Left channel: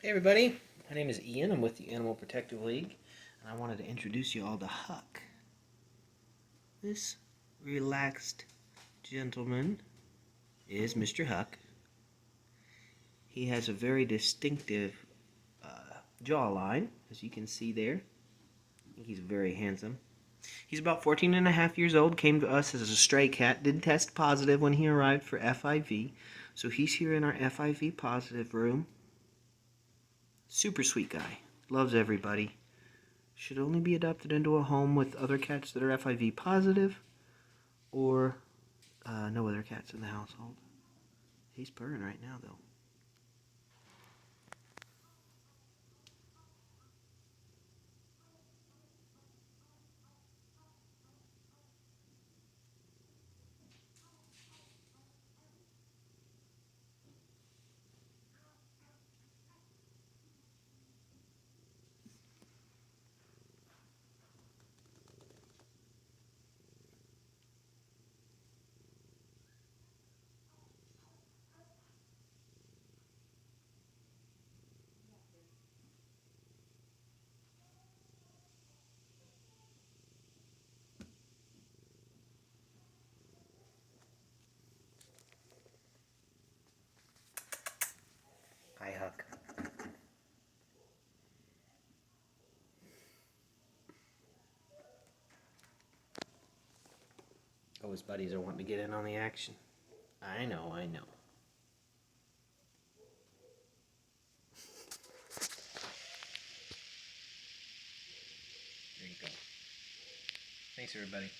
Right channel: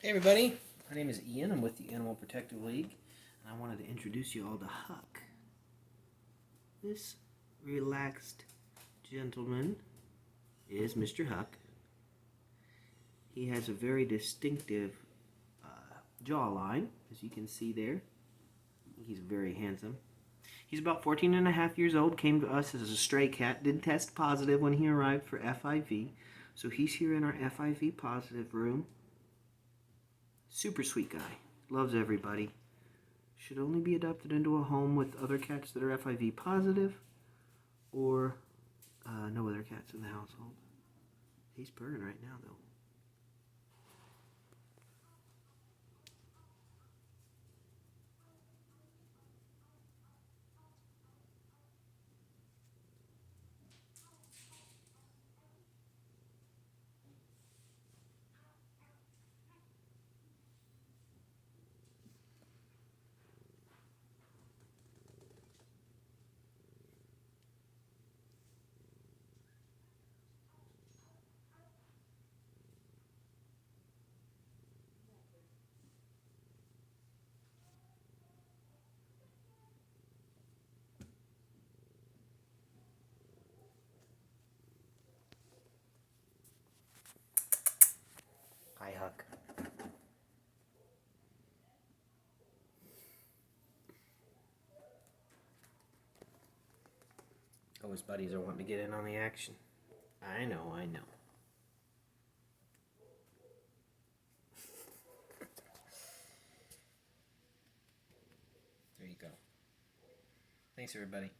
Hey everybody, my name is Ian. I'm with the Animal Protective League, and I wanted to introduce you all to Huck. This relaxed gentleman is Mr. Huck. He has a very distinctive jawline, as you can see there. He's very handsome. He's about 14 and a half years old, came to us as a stray cat, did test positive when he arrived for FIV, so he's here in our FIV positive room. Super sweet guy, loves everybody. Should only be adopted into a home with other cats that are FIV positive or no other cats in the household. He's purring right now, though. Hi, Huck. Oh, his buddies are wanting to get in on the action. I know. There you go. Thanks, everybody.